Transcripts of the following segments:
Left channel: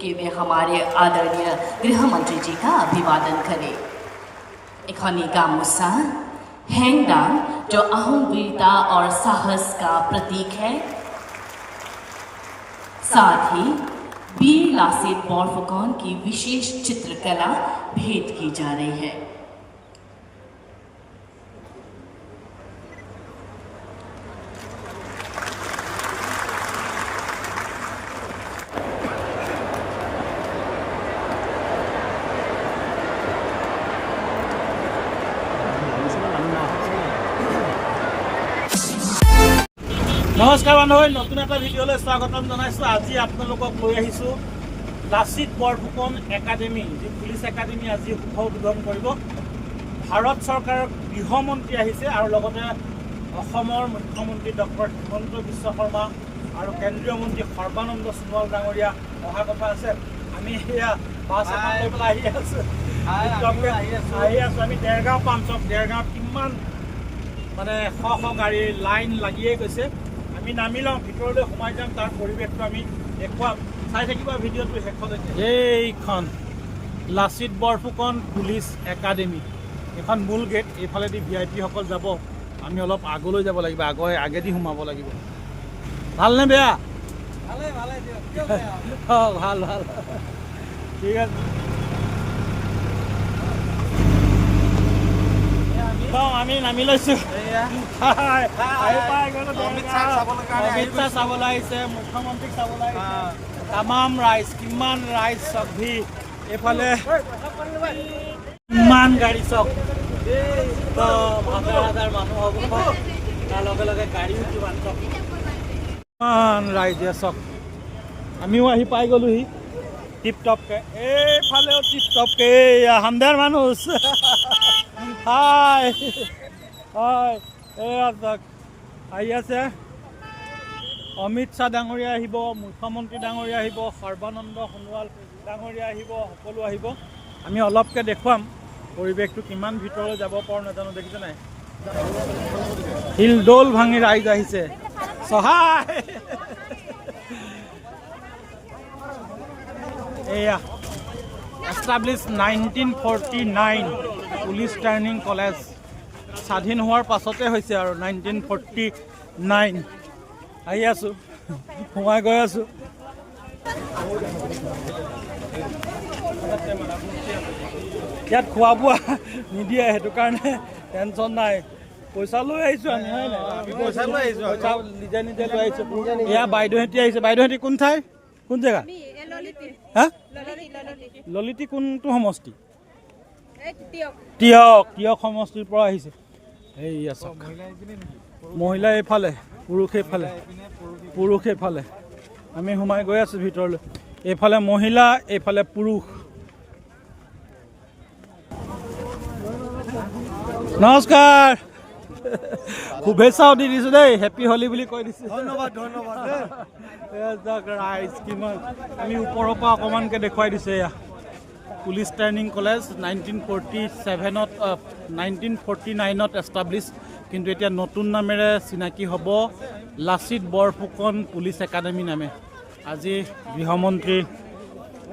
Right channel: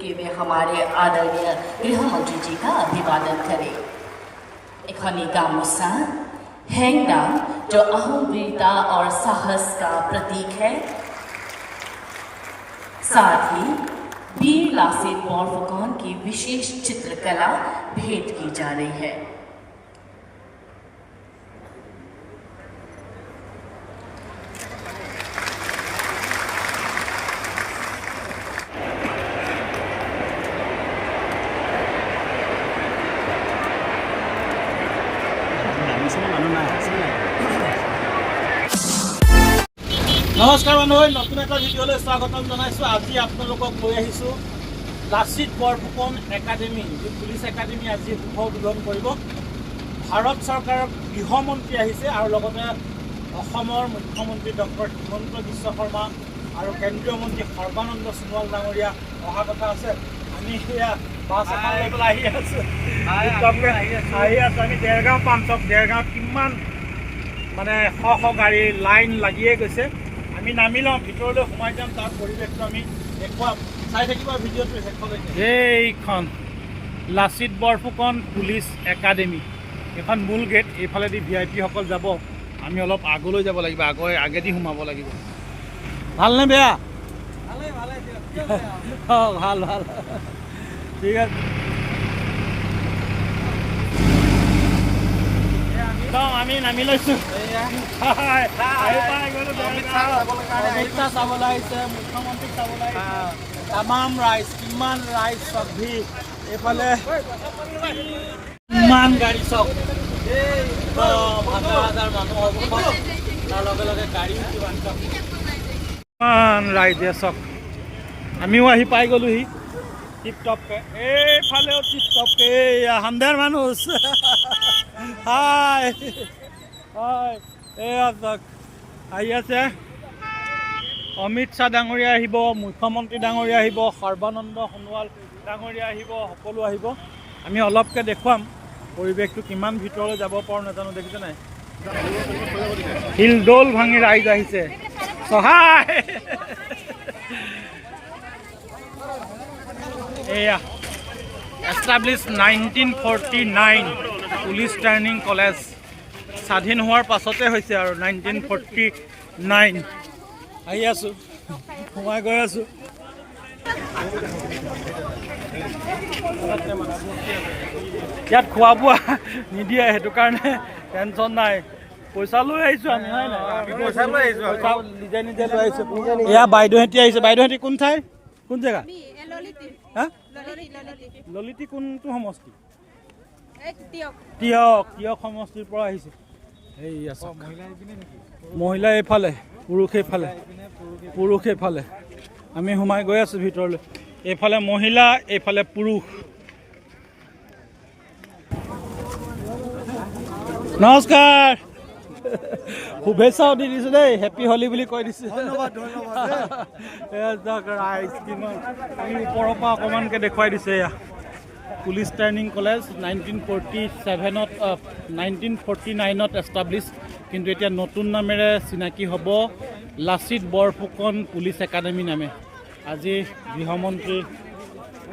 कि वे हमारे आदरणीय गृह मंत्री जी का अभिवादन करें। इखनी गामोसा हैंगडांग जो अहम वीरता और साहस का प्रतीक है, साथ ही वीर लासित बोरफुकन की विशेष चित्रकला भेंट की जा रही है। नमस्कार बान्धव, नतुन एटा भिडिओले स्वागतम जनाइছো। আজি আপোনালোকক লৈ আহিছো লাচিত বৰফুকন একাডেমি, যি পুলিচ একাডেমি আজি শুভ উদ্বোধন কৰিব। ভাৰত চৰকাৰৰ গৃহমন্ত্ৰী আহিছে আৰু লগতে অসমৰ মুখ্যমন্ত্ৰী ডক্টৰ হিমন্ত বিশ্ব শৰ্মা আৰু কেন্দ্ৰীয় মন্ত্ৰী সৰ্বানন্দ সোণোৱাল ডাঙৰীয়া অহা কথা আছে। আমি এয়া বাছ এখন লৈ পেলাই আহি আছোঁ। আমি দেৰগাঁও পাম চব। দেৰগাঁৱত কিমান মানে শ গাড়ী লাইন লাগিয়ে গৈছে। আমি নামি লওঁ, ভিতৰলৈ সোমাই যাম, তাৰ পৰিৱেশটো আমি দেখুৱাম। চাই থাকিবা ভিডিঅ'টো শেষলৈকে। এইখন লাচিত বৰফুকন পুলিচ একাডেমি, এখন মূল গেট। এইফালেদি VIP সকল যাব, আমি অলপ আগলৈ যাব লাগিব, আগেদি সোমাব লাগিব। ভালনে বেয়া? অঁ ভাল ভাল, ঠিক আছে। আমি নামি লৈছোঁ। অমিত শ্বাহ চাবলৈ আহিছে, মুখ্যমন্ত্ৰীক চাবলৈ আহিছে। তামাম ৰাইজ, কিমান ৰাইজ চব ভিৰ। এইফালে ইমান গাড়ী চব, হাজাৰ হাজাৰ মানুহ হ'ব। তাৰ লগে লগে গাড়ীও কিমান চব, ইমান ৰাইজে চক। আমিও আহি পাই গ'লোহি টিপটপকে। এইফালেও টিপটপকে হামদাৰ মানুহ। হাই হাই, এয়া চাওক আহি আছে। অমিত শ্বাহ ডাঙৰীয়া আহিব, মুখ্যমন্ত্ৰী ডাঙৰীয়া আহিব, সৰ্বানন্দ সোণোৱাল ডাঙৰীয়া আহিব, সকলো আহিব। আমি অলপকৈ দেখুৱাম পৰিৱেশটো। কিমান ভিতৰলৈ যাব পাৰোঁ নাজানো, দেখিছে নাই? হিলদৌল ভাঙি ৰাইজ আহিছে। সহায় এয়া এষ্টাব্লিছ 1949 পুলিচ ট্ৰেইনিং কলেজ। স্বাধীন হোৱাৰ পাছতে হৈছে আৰু 1949। আহি আছোঁ, সোমাই গৈ আছোঁ। ইয়াত খোৱা বোৱা নিদিয়ে, সেইটো কাৰণে টেনশ্যন নাই। পইচা লৈ আহিছোঁ আমি, হয় নাই? পইচা লৈ আহিছোঁ, পইচা নিজে নিজে লৈ আহিছোঁ। এয়া বাইদেউহঁতি আহিছে। বাইদেউহঁতি কোন ঠাই, কোন জেগা? হা, ললিতি কোনটো সমষ্টি? তিয়ক সমষ্টিৰ পৰা আহিছে। এই আছে মহিলা এইফালে, পুৰুষ এইফালে, পুৰুষ এইফালে। আমি সোমাই গৈ আছোঁ ভিতৰলৈ। এইফালে মহিলা, এইফালে পুৰুষ। নমস্কাৰ, শুভেচ্ছাও দি দিছোঁ দেই, হেপী হোলী বুলি কৈ দিছোঁ। ধন্যবাদ ধন্যবাদ। ৰাইজ কিমান, আমি ওপৰৰ পৰা অকণমানকৈ দেখুৱাই দিছোঁ। এয়া পুলিচ ট্ৰেইনিং কলেজ 1949ত এষ্টাব্লিছ, কিন্তু এতিয়া নতুন নামেৰে চিনাকি হ'ব লাচিত বৰফুকন পুলিচ একাডেমি নামে। আজি গৃহমন্ত্ৰী,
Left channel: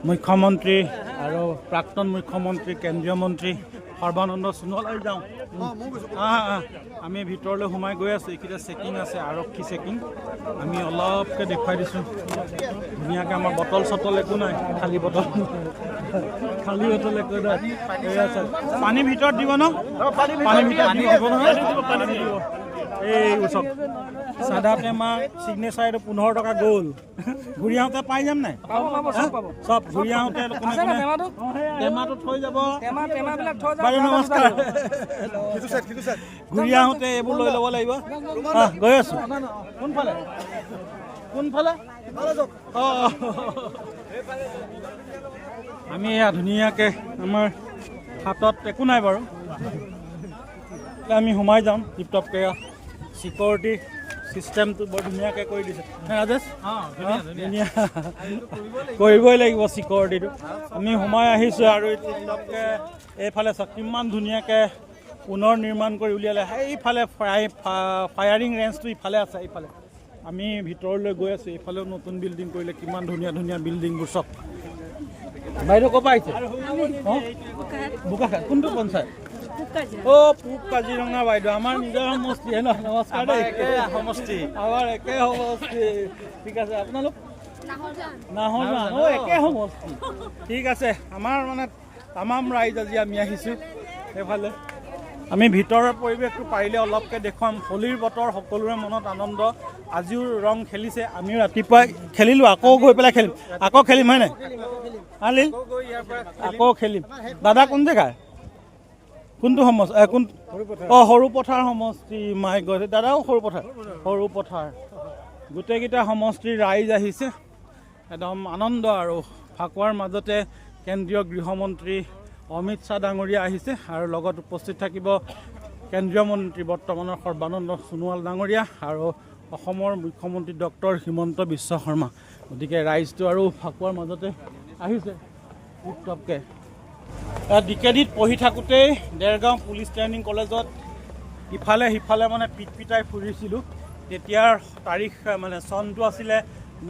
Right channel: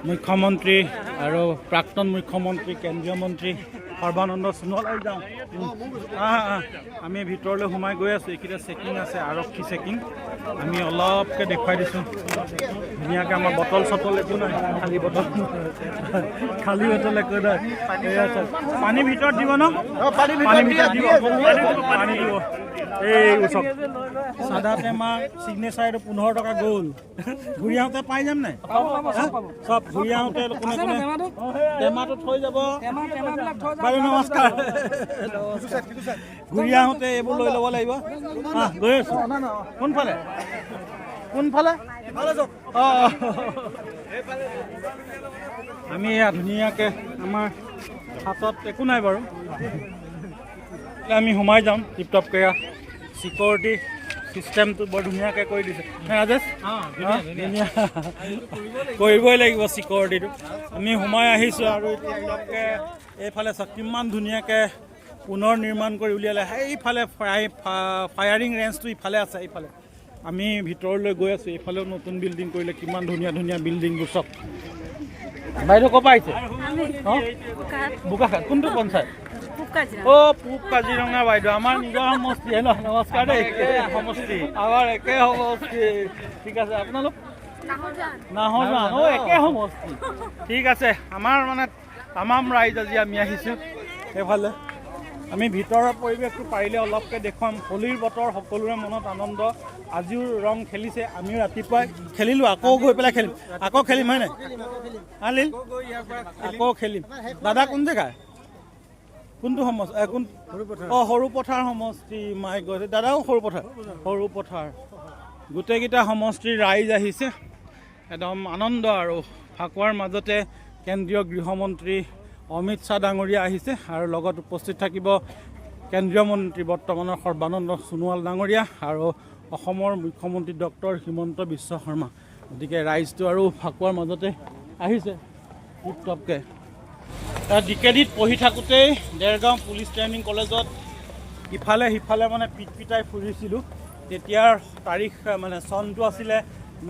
মুখ্যমন্ত্ৰী আৰু প্ৰাক্তন মুখ্যমন্ত্ৰী, কেন্দ্ৰীয় মন্ত্ৰী সৰ্বানন্দ সোণোৱাল যাওঁ। আমি ভিতৰলৈ সোমাই গৈ আছোঁ। এইকেইটা চেকিং আছে, আৰক্ষী চেকিং। আমি অলপকৈ দেখুৱাই দিছোঁ ধুনীয়াকৈ। আমাৰ বটল চটল একো নাই, খালী বটল, খালী বটল একো নাই। এই আছে পানী ভিতৰত দিব ন? পানী ভিতৰত দিব, পানী দিব। এই ওচৰত চাদা টেমা ছিগনেচাৰটো 15 টকা গ'ল। ঘূৰি আহোঁতে পাই যাম নাই? চব ঘূৰি আহোঁতে কোনে কোনে টেমাটো থৈ যাব। বাৰু নমস্কাৰ। ঘূৰি আহোঁতে এইবোৰ লৈ ল'ব লাগিব। গৈ আছোঁ। কোনফালে কোনফালে? অঁ, আমি এয়া ধুনীয়াকৈ, আমাৰ হাতত একো নাই বাৰু, আমি সোমাই যাম টিপটপকৈ। চিকিউৰিটি চিষ্টেমটো বৰ ধুনীয়াকৈ কৰি দিছে ৰাজেশ। ধুনীয়া কৰিবই লাগিব চিকিউৰিটিটো। আমি সোমাই আহিছোঁ আৰু টিপটপকৈ এইফালে চাওক কিমান ধুনীয়াকৈ পুনৰ নিৰ্মাণ কৰি উলিয়ালে। সেইফালে ফায়াৰিং ৰেঞ্জটো ইফালে আছে। এইফালে আমি ভিতৰলৈ গৈ আছোঁ। এইফালেও নতুন বিল্ডিং কৰিলে, কিমান ধুনীয়া ধুনীয়া বিল্ডিংবোৰ চাওক। বাইদেউ ক'ৰ পৰা আহিছে বোকাখাট কোনটো পঞ্চায়ত পূব কাজিৰঙা বাইদেউ আমাৰ নিজৰ সমষ্টি নমস্কাৰ দেই সমষ্টি আমাৰ একে সমষ্টি ঠিক আছে আপোনালোক নাহৰজান একে সমষ্টি ঠিক আছে আমাৰ মানে তামাম ৰাইজ আজি আমি আহিছোঁ সেইফালে আমি ভিতৰৰ পৰিৱেশটো পাৰিলে অলপকৈ দেখুৱাম হোলীৰ বতৰ সকলোৰে মনত আনন্দ আজিও ৰং খেলিছে আমিও ৰাতিপুৱাই খেলিলোঁ আকৌ গৈ পেলাই খেলিম আকৌ খেলিম হয়নে আলিল আকৌ খেলিম দাদা কোন জেগা কোনটো সমষ্টি কোন সৰু পথাৰ সমষ্টি মাই গৈছে দাদাও সৰু পথাৰ গোটেইকেইটা সমষ্টিৰ ৰাইজ আহিছে একদম আনন্দ আৰু ফাকুৱাৰ মাজতে কেন্দ্ৰীয় গৃহমন্ত্ৰী অমিত শ্বাহ ডাঙৰীয়া আহিছে আৰু লগত উপস্থিত থাকিব কেন্দ্ৰীয় মন্ত্ৰী বৰ্তমানৰ সৰ্বানন্দ সোণোৱাল ডাঙৰীয়া আৰু অসমৰ মুখ্যমন্ত্ৰী ডক্টৰ হিমন্ত বিশ্ব শৰ্মা গতিকে ৰাইজটো আৰু ফাকুৱাৰ মাজতে আহিছে টিপটপকৈ ডিকেডিত পঢ়ি থাকোঁতেই দেৰগাঁও পুলিচ ট্ৰেইনিং কলেজত ইফালে সিফালে মানে পিটপিটাই ফুৰিছিলোঁ তেতিয়াৰ তাৰিখ মানে চনটো আছিলে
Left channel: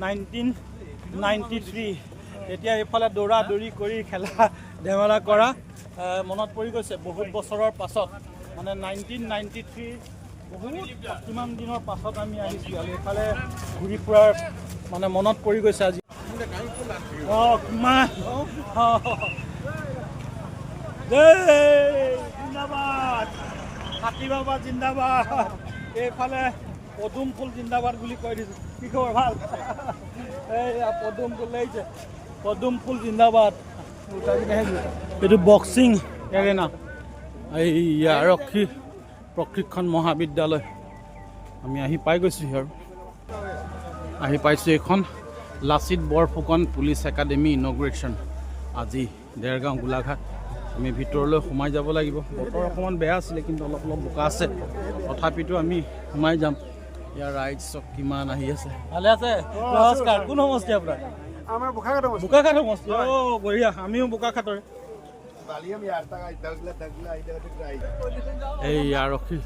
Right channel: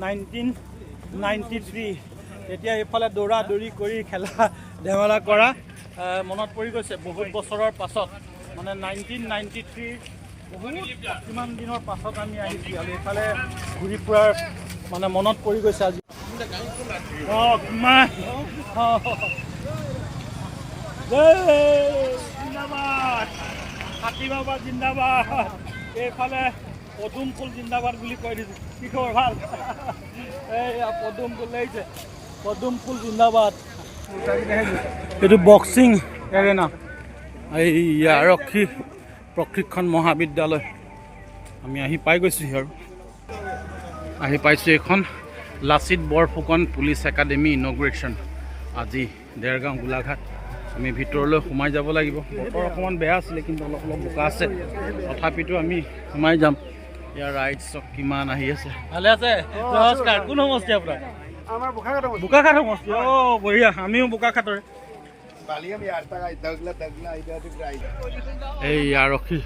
1993 তেতিয়া এইফালে দৌৰা দৌৰি কৰি খেলা ধেমালা কৰা মনত পৰি গৈছে বহুত বছৰৰ পাছত মানে 1993 বহুত কিমান দিনৰ পাছত আমি আহিছোঁ আৰু এইফালে ঘূৰি ফুৰাৰ মানে মনত পৰি গৈছে আজি কিমান জিন্দাবাদ হাতী বাবা জিন্দাবাদ এইফালে পদুম ফুল জিন্দাবাদ বুলি কৈ দিছোঁ কি খবৰ ভাল এইয়া পদুম ফুল লাগিছে পদুম ফুল জিন্দাবাদ এইটো বক্সিং এৰেনা এই আৰক্ষী প্ৰশিক্ষণ মহাবিদ্যালয় আমি আহি পাই গৈছোঁহি আৰু আহি পাইছোঁ এইখন লাচিত বৰফুকন পুলিচ একাডেমি ইনগ্ৰেশ্যন আজি দেৰগাঁও গোলাঘাট আমি ভিতৰলৈ সোমাই যাব লাগিব বতৰ অকণমান বেয়া আছিলে কিন্তু অলপ অলপ বোকা আছে তথাপিতো আমি সোমাই যাম ইয়াৰ ৰাইজ চব কিমান আহি আছে ভালে আছে নমস্কাৰ কোন সমষ্টি আপোনাৰ আমাৰ বোকাখাট সমষ্টি বঢ়িয়া আমিও বোকাখাটৰে এই আৰক্ষী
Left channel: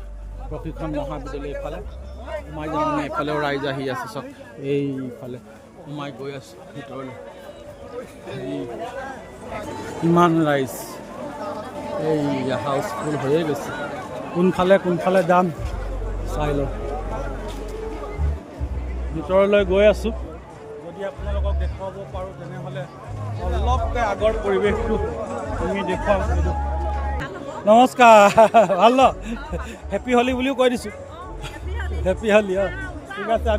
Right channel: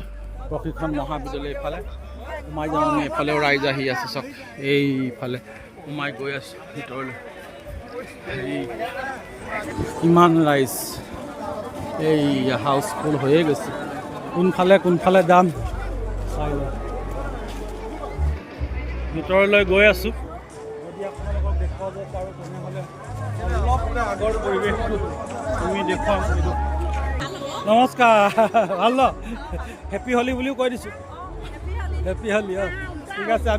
প্ৰশিক্ষণ মহাবিদ্যালয় এইফালে সোমাই যাওঁ আমি এইফালেও ৰাইজ আহি আছে চব এইফালে সোমাই গৈ আছোঁ ভিতৰলৈ কিমান ৰাইজ এই হাউচফুল হৈয়ে গৈছে কোনফালে যাম চাই লওঁ ভিতৰলৈ গৈ আছোঁ যদি আপোনালোকক দেখুৱাব পাৰোঁ তেনেহ'লে অলপকৈ আগৰ পৰিৱেশটো আমি দেখুৱাম নমস্কাৰ ভাল ন হেপী হোলী বুলিও কৈ দিছোঁ হেপী হোলী ঠিক আছে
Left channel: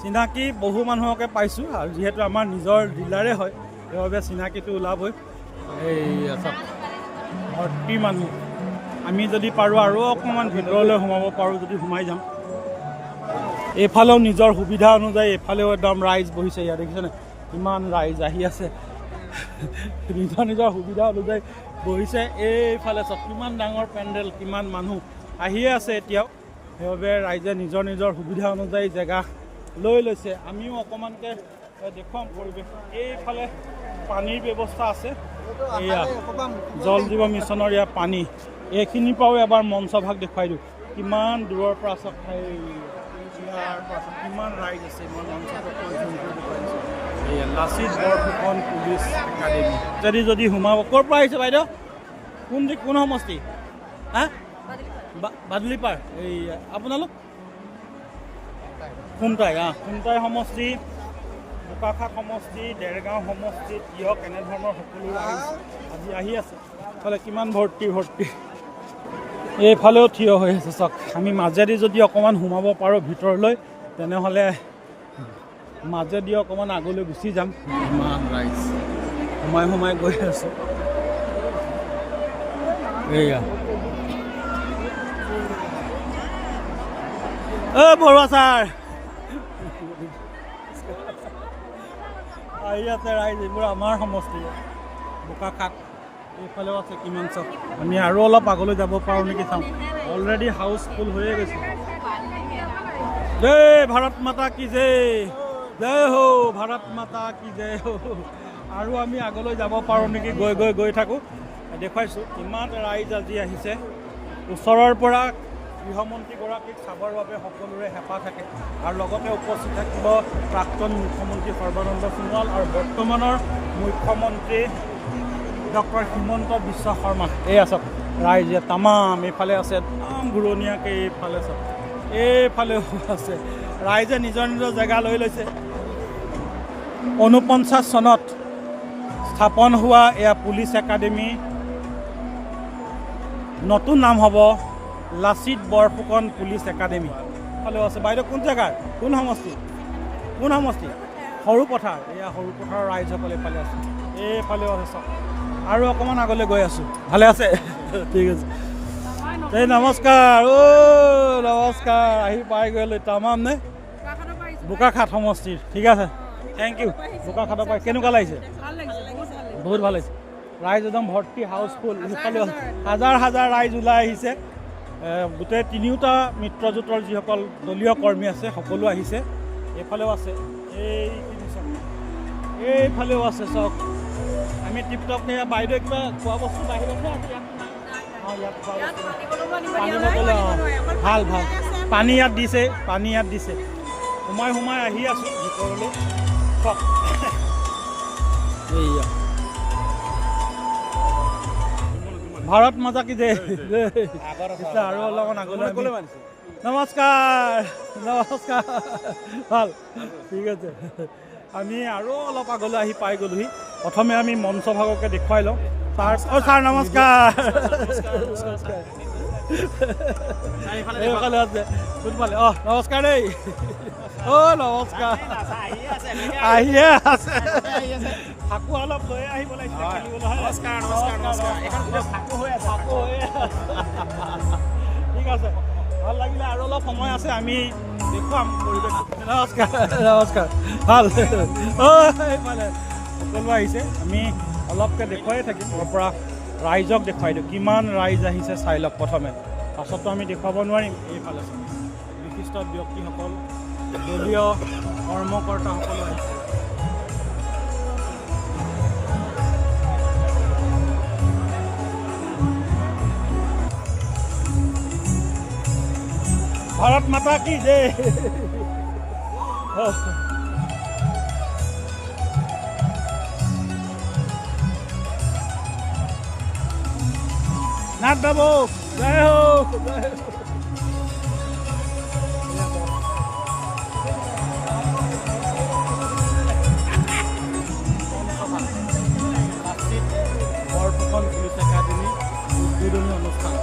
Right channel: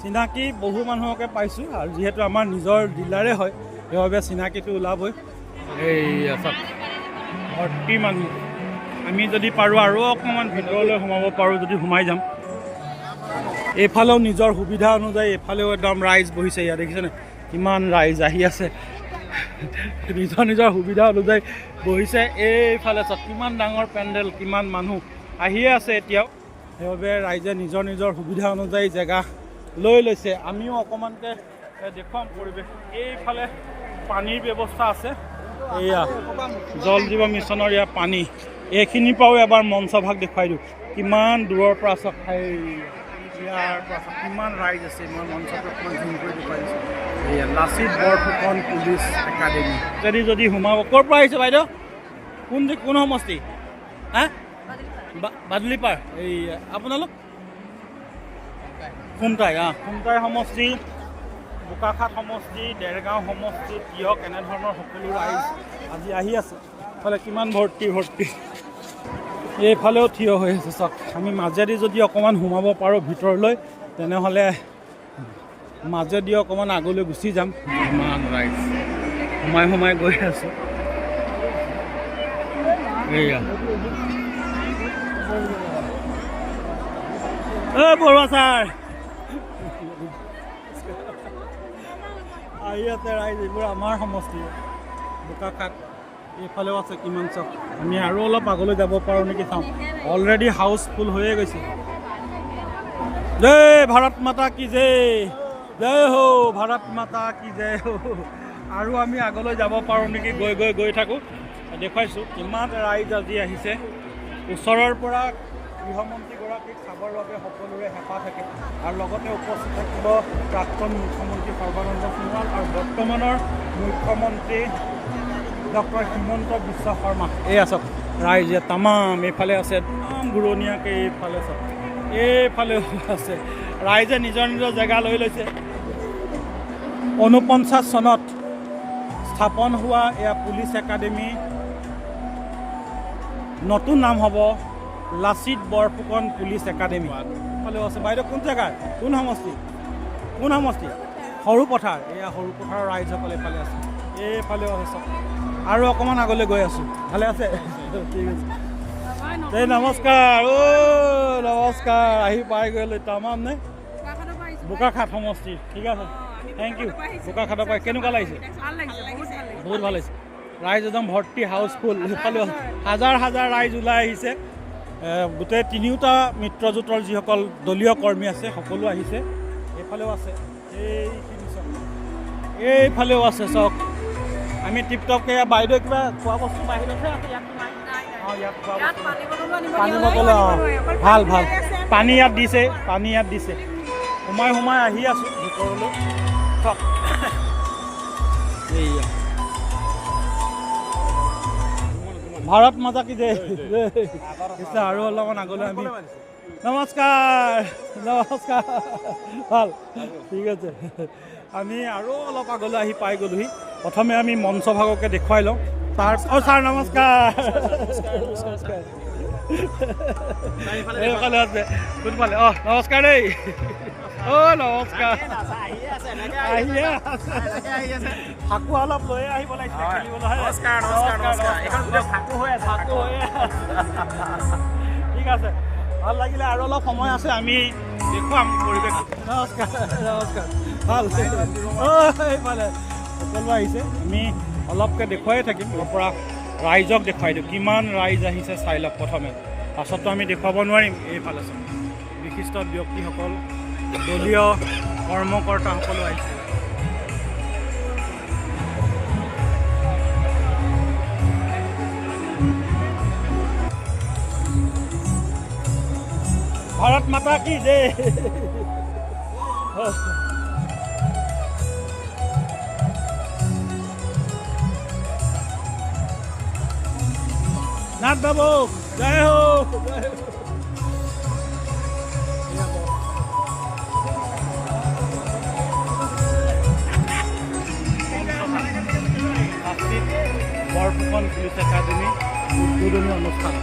চিনাকি বহু মানুহকে পাইছোঁ আৰু যিহেতু আমাৰ নিজৰ জিলাৰে হয় সেইবাবে চিনাকিটো ওলাবই এই চাওক ভৰ্তি মানুহ আমি যদি পাৰোঁ আৰু অকণমান ভিতৰলৈ সোমাব পাৰোঁ যদি সোমাই যাম এইফালেও নিজৰ সুবিধা অনুযায়ী এইফালেও একদম ৰাইজ বহিছে ইয়াত দেখিছেনে কিমান ৰাইজ আহি আছে নিজৰ সুবিধা অনুযায়ী বহিছে এইফালে চাওক কিমান ডাঙৰ পেণ্ডেল কিমান মানুহ আহিয়ে আছে এতিয়াও সেইবাবে ৰাইজে নিজৰ সুবিধা অনুযায়ী জেগা লৈ লৈছে আমিও অকণমানকৈ দেখুৱাম পৰিৱেশ এইফালে পানীৰ ব্যৱস্থা আছে এয়া জল জীৱন মিছনৰ ইয়াৰ পানী এইখিনিৰ পৰাও এবাৰ মঞ্চভাগ দেখুৱাই দিওঁ কিমান দূৰৰ পৰা চাওক ইয়াৰ পৰা কিমান ৰাইজ আছে মই মঞ্চটো অকণমান জুম কৰি দেখুৱাই দিছোঁ এয়া লাচিত বৰফুকন পুলিচ একাডেমি যদি সোমাব ক'ৰ পৰা আহিছে বাইদেউ কোন সমষ্টি হা বাদুলিপাৰ এই আপোনালোক খুমটাই সমষ্টি বোকাখাট সমষ্টি দেৰগাঁও সমষ্টি তিয়ক এনেধৰণৰ সকলো ৰাইজ আজি আহি আছে এইফালে কিমান ভৰ্তি এইফালেও থিয় হৈ আছে চাওক আমি মাজেদি যদি অকণমান সোমাব পাৰোঁ ভিতৰলৈ তেনেহ'লে মাজেদি অকণমান আগলৈ গুচি যাম ইমান ৰাইজ সোমাই গৈ আছোঁ এইয়া বৰুৱা ছাৰ আহি আছে ৰাইজ এইবোৰ আমাৰ সমষ্টি বোকাখাট এইফালেও আছে কিমান চব আমি আৰু অলপ আগলৈ যাব পাৰোঁ নেকি চাওঁ অলৰেডি হাউচফুল হৈয়ে গৈছে জয় ভাৰত মাতা কি জয় হো ভাৰত মাতা কি জয় হো আৰু আমি আগলৈ যাব পাৰোঁ নেকি গৈ থাকোঁ দেখুৱাইছোঁ কিমান ৰাইজ আজি আহিছে ওচৰৰ পৰা গৃহমন্ত্ৰীগৰাকীক চাবৰ বাবে সকলোৰে হেঁপাহ থাকে আৰু লগতে উপস্থিত থাকিব প্ৰাক্তন মুখ্যমন্ত্ৰী সৰ্বানন্দ সোণোৱাল আৰু বৰ্তমানৰ মুখ্যমন্ত্ৰী ডক্টৰ হিমন্ত বিশ্ব শৰ্মা। এই আছক ৰাইজে তামাম এইফালে আছে একদম ঘূৰণীয়াকৈ এইফালে চাওক এইফালেও আছে ৰাইজে নিজৰ নিজৰ জেগা লৈ লৈছে। 49 চনত স্থাপন হোৱা এয়া পুলিচ একাডেমি নতুন নাম হ'ব লাচিত বৰফুকন পুলিচ একাডেমি। ফালেও আছে বাইদেউ কোন জেগাৰ কোন সমষ্টি সৰু পথাৰ। এয়া সৰু পথাৰৰ ৰাইজসকলে এইফালে আছে এইফালেও আছে চাওক আৰু অকণমান আগলৈ গৈ আছোঁ। ভালে আছে ঠিক আছে এই নমস্কাৰ নমস্কাৰ আহি পাই গ'লো তামাম নে বোকাখাট সমষ্টিৰ ঠিক আছে থেংক ইউ। বোকাখাটৰ পৰা কেনেকুৱা লাগিছে? বহুত ভাল লাগিছে। ৰাইজ একদম ভৰ্তি হাউচফুল। সেইফালেও হাজাৰ হাজাৰ ৰাইজ ওলাই আহিছে। গোটেই তিনিওটা মিত্ৰজোঁটৰ যিসকল দলীয় কৰ্মী আছে সকলো আহিছে। এইফালেও আছে এইখিনি চাওক এইফালেও আছে চাওক। আমি টিপটপকৈ বাইদেউ কিবা খোৱা বস্তু বাহিৰতহে আছে ইয়াত পানী বটল ভাল ভাল পানী ইয়াত দিছে সোমাই আহি আছোঁ ভিতৰলৈ চাওক। এইয়া ভাৰত মাতা কি জয় আৰু অলপমান আগলৈ আমি নমস্কাৰ ভাল ঠিক আছে। আমি আৰু অলপ আগলৈ আহি পাই গ'লোহি। প্ৰথমে আমি মঞ্চভাগকে দেখুৱাই লওঁ তাৰ ছাৰ নমস্কাৰ এইফালে আছে কোনফালে নমস্কাৰ দেই নমস্কাৰ আহিয়ে আছে ফাকু অলপ লৈ আহিব লাগিছে খেলিবলৈ। ঠিক আছে ভাল লাগিলে আৰু অলপ সময় আছে আমি দেখুৱাম পৰিৱেশ। নমস্কাৰ ভাল এইফালে সকলো আহিছে আমি অলপকৈ দেখুৱাই থাকিম। তাৰ পৰা ৰাইজক দেখুৱাই দিওঁ কিমান ৰাইজ আহিছে চাই লওক প্ৰথমে পাছততো আমি দেখুৱাব নোৱাৰিম। এইফালে চাওক বিশিষ্ট ব্যক্তিসকল দলীয় কৰ্মকৰ্তাসকলো আহিছে। ভাৰত মাতা কি জয় নাথ বাবু জয় হো বৰফুকন পুলিচ একাডেমি উদ্বোধনী অনুষ্ঠান।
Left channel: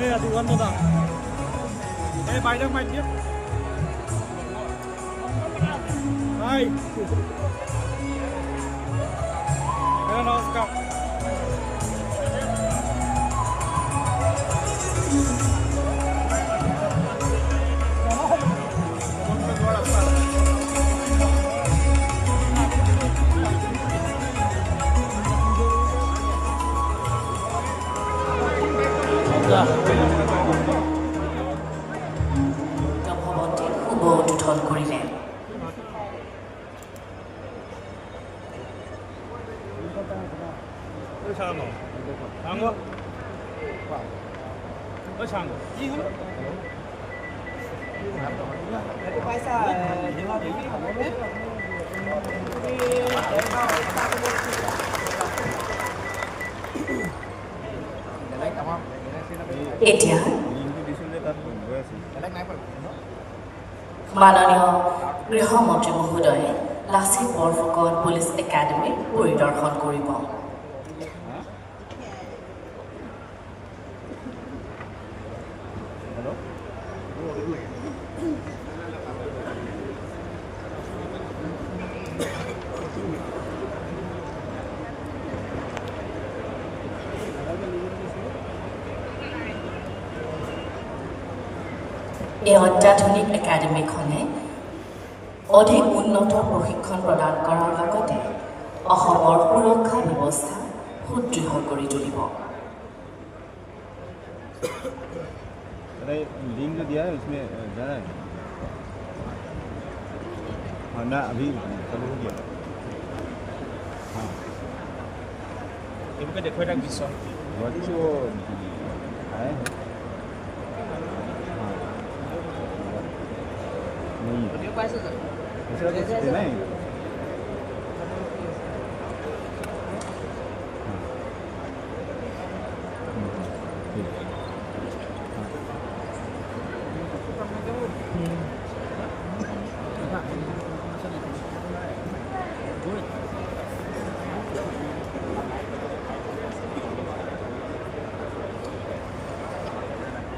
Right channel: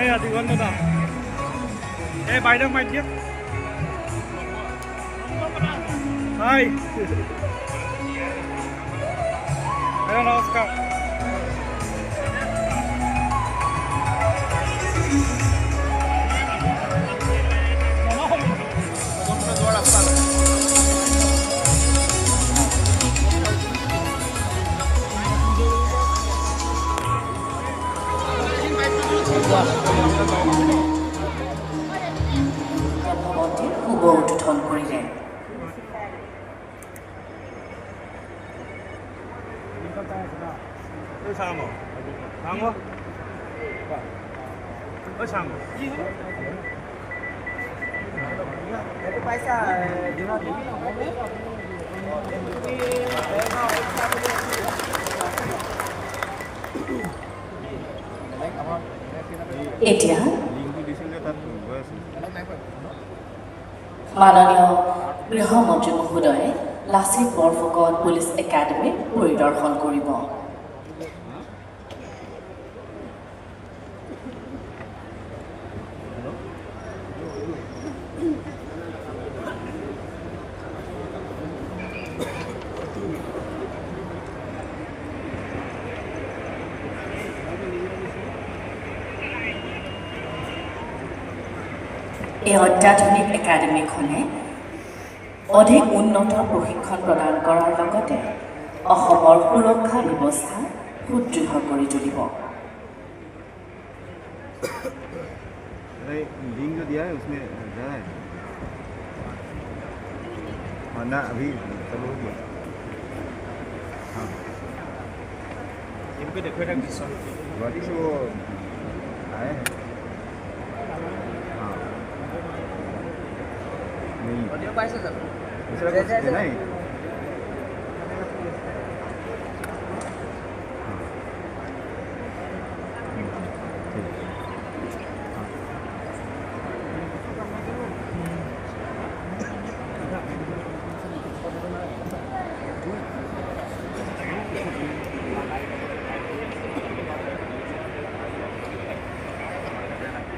এই দিগন্ত দা এই বাইদেউক মাতি দিয়ক। হাই নমস্কাৰ উদ্বোধন কৰিলে। এতিয়া মাননীয় গৃহমন্ত্ৰী মহোদয়ে লাচিত বৰফুকন পুলিচ একাডেমি পৰিদৰ্শন কৰিব। এই অত্যাধুনিক একাডেমিখনে অধিক উন্নত প্ৰশিক্ষণ প্ৰদান কৰাৰ লগতে অসমৰ সুৰক্ষা ব্যৱস্থা সুদৃঢ় কৰি তুলিব। अरे लिंक जो दिया है उसमें जाना है। हाँ ना अभी चलो हो गया। हाँ इनको देखो ना किस्सा बॉडी जो आए हैं। हाँ नहीं ऑडियो पास है दूसरा कुछ नहीं।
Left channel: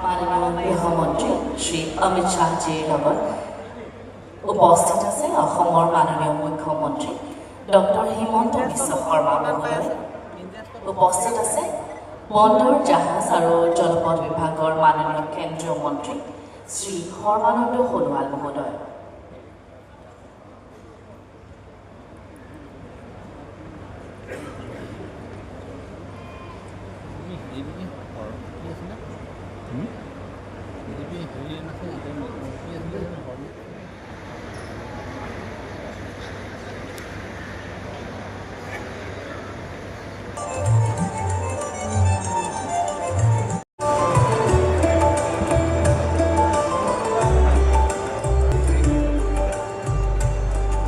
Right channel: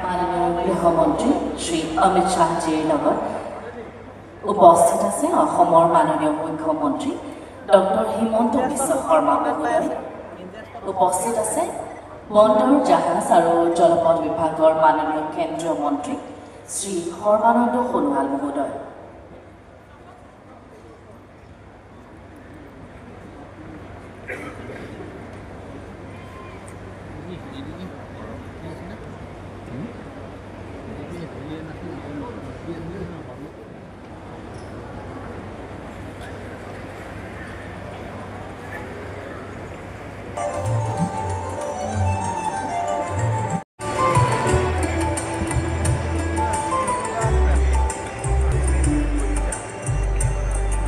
মাননীয় গৃহমন্ত্ৰী শ্ৰী অমিত শ্বাহজীৰ লগত উপস্থিত আছে অসমৰ মাননীয় মুখ্যমন্ত্ৰী ডক্টৰ হিমন্ত বিশ্ব শৰ্মা মহোদয়। উপস্থিত আছে বন্দৰ জাহাজ আৰু জলপথ বিভাগৰ মাননীয় কেন্দ্ৰীয় মন্ত্ৰী শ্ৰী সৰ্বানন্দ সোণোৱাল মহোদয়।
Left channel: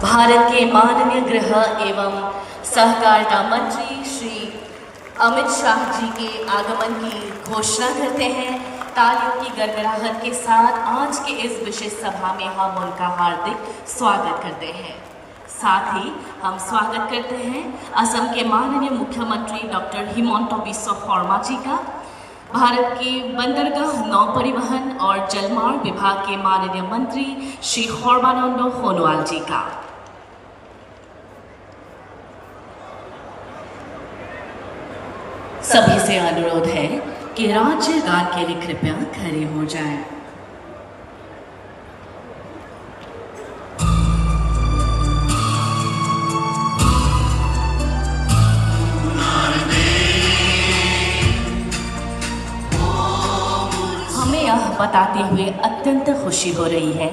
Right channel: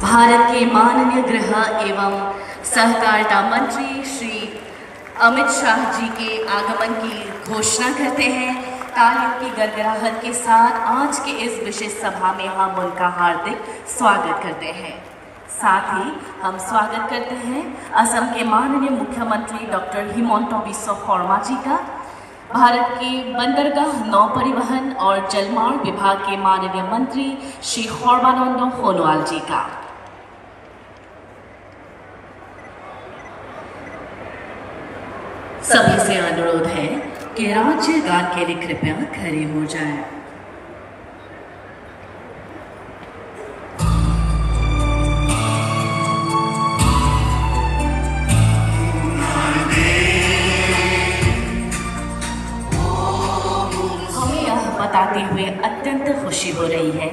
भारत के माननीय गृह एवं सहकारिता मंत्री श्री अमित शाह जी के आगमन की घोषणा करते हैं। तालियों की गड़गड़ाहट के साथ आज के इस विशेष सभा में हम उनका हार्दिक स्वागत करते हैं। साथ ही हम स्वागत करते हैं असम के माननीय मुख्यमंत्री डॉक्टर हिमंत बिस्व शर्मा जी का, भारत के बंदरगाह नौ परिवहन और जलमार्ग विभाग के माननीय मंत्री श्री सर्बानंद सोनोवाल जी का। सभी से अनुरोध है कि राज्य गान के लिए कृपया खड़े हो जाएं। हमें यह बताते हुए अत्यंत खुशी हो रही है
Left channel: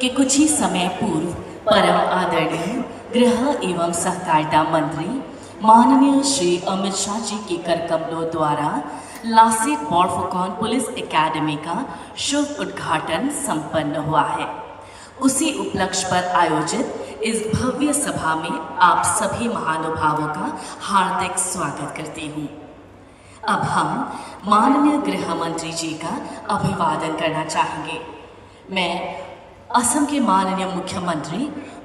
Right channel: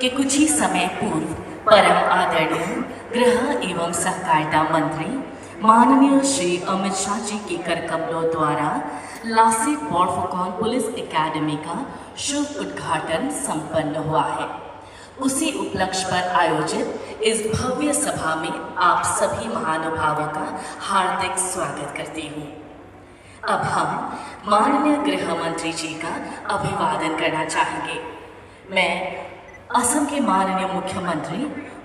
कि कुछ ही समय पूर्व परम आदरणीय गृह एवं सहकारिता मंत्री माननीय श्री अमित शाह जी के कर कमलों द्वारा लासित बोरफुकन पुलिस एकेडमी का शुभ उद्घाटन संपन्न हुआ है। उसी उपलक्ष्य पर आयोजित इस भव्य सभा में आप सभी महानुभावों का हार्दिक स्वागत करती हूँ। अब हम माननीय गृह मंत्री जी का अभिवादन करना चाहेंगे। मैं असम के माननीय मुख्यमंत्री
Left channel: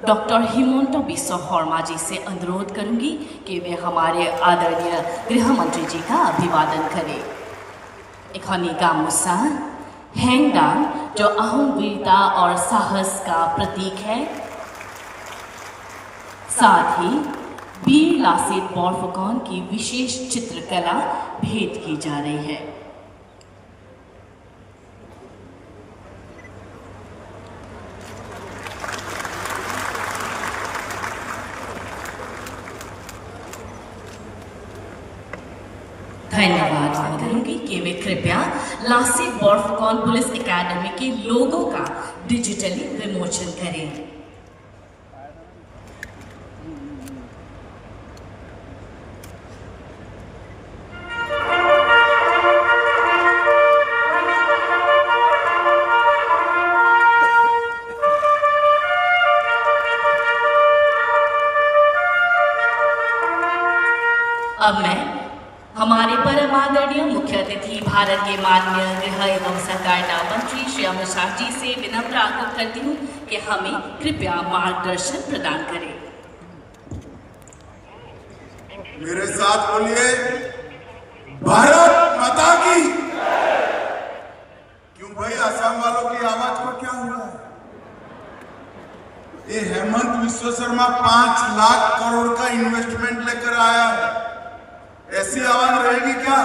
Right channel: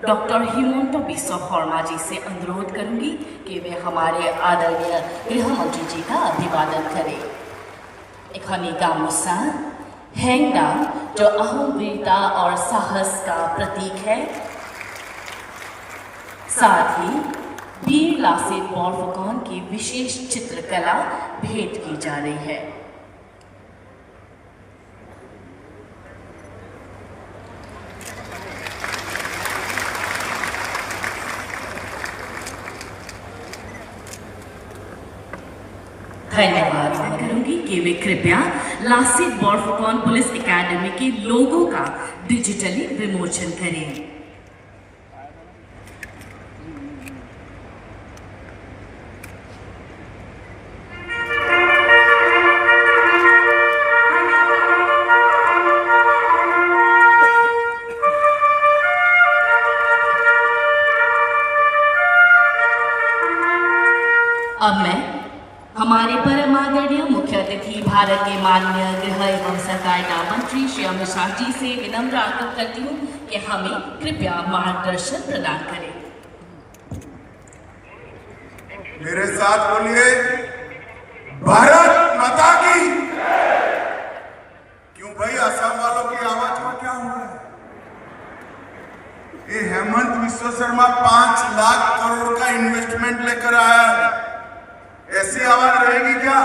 डॉक्टर हिमंत बिस्व शर्मा जी से अनुरोध करूंगी कि वे हमारे आदरणीय गृह मंत्री जी का अभिवादन करें। इखनी गामोसा हैंगडांग जो अहम वीरता और साहस का प्रतीक है, साथ ही वीर लासित बोरफुकन की विशेष चित्रकला भेंट की जा रही है। धन्यवाद करूंगी कि वे कृपया लासित बोरफुकन पुलिस एकेडमी के लोगों का डिजिटली विमोचन करें। अब मैं हमारे परम आदरणीय मुख्य अतिथि भारत के माननीय गृह एवं सहकारिता मंत्री श्री अमित शाह जी से विनम्र आग्रह करती हूँ कि हमें कृपया मार्गदर्शन प्रदान करें। मेरे साथ बोलिए, भारत माता की। क्यों भाई, असम वालों की आवाज में क्या हो रहा है? ये हेमंत बिस्व शर्मा 5 लाख करोड़ का इन्वेस्टमेंट लेकर आया है। ऐसी आवाज रहेगी क्या?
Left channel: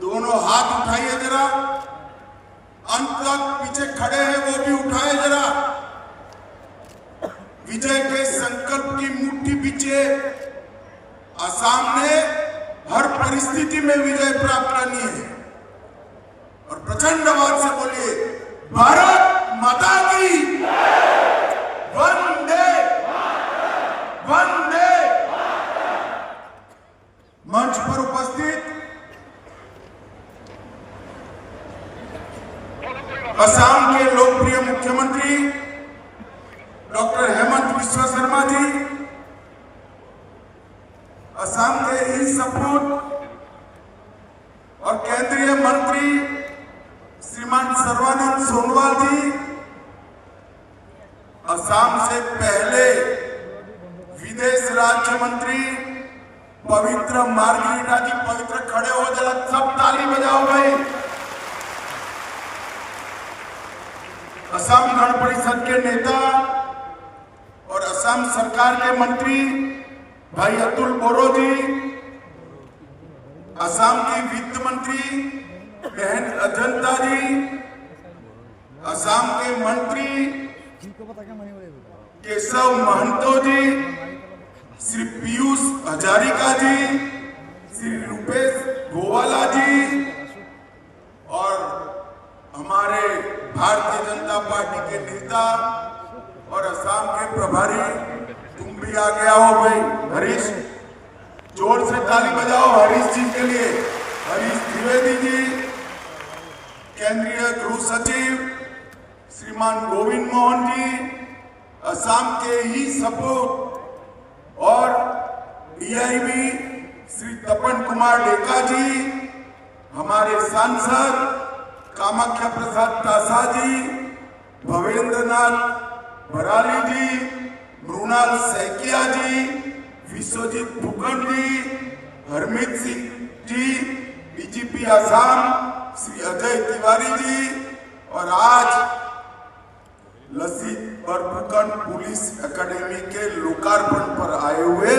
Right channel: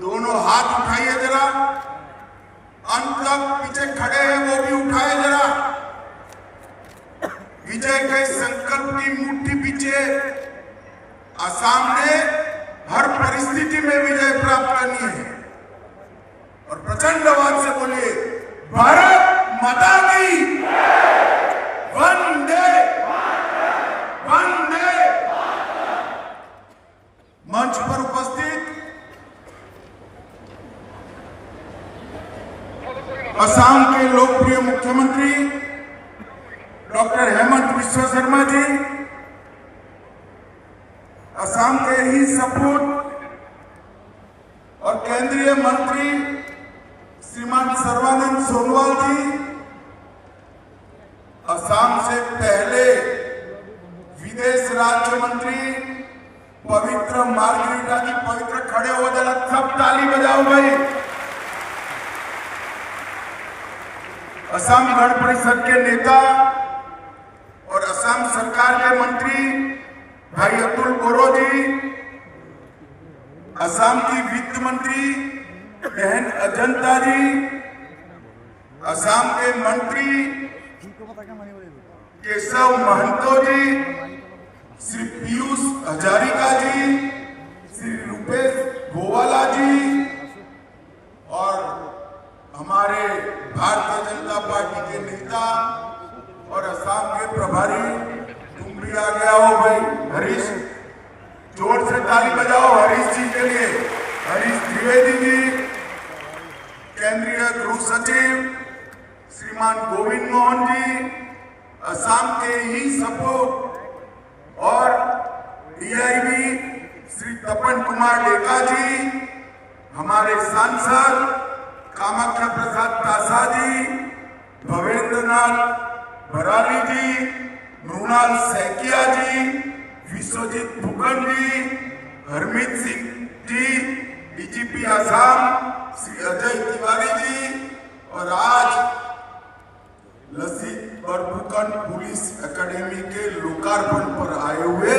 दोनों हाथ उठाइए जरा, अंत पीछे खड़े हैं वो भी उठाए जरा। विजय के संकल्प की मुट्ठी पीछे असम ने हर परिस्थिति में विजय प्राप्त करनी है। मंत्री भाई अतुल बोरो जी, असम की वित्त मंत्री बहन अजंता जी, असम के मंत्री केशव महंतो जी, श्री पीयूष हजारिका जी, श्री रूपेश गोवाला जी और हमारे भारतीय जनता पार्टी के नेता और असम के प्रभारी, तुम भी आ गया हो भाई हरीश, जोर से ताली बजाओ हरीश जी के लिए। हरीश द्विवेदी जी, केंद्रीय गृह सचिव श्रीमान गोविंद मोहन जी, असम के ही सपोर्ट और डीआईबी श्री तपन कुमार डेका जी, हमारे सांसद कामाख्या प्रसाद तासा जी, भवेंद्रनाथ भराली जी, मृणाल सैकिया जी, विश्वजीत फुकन जी, हरमीत सिंह जी, डीजीपी आसाम श्री अजय तिवारी जी और आज लसित बरफुकन पुलिस एकेडमी के लोकार्पण पर आए हुए,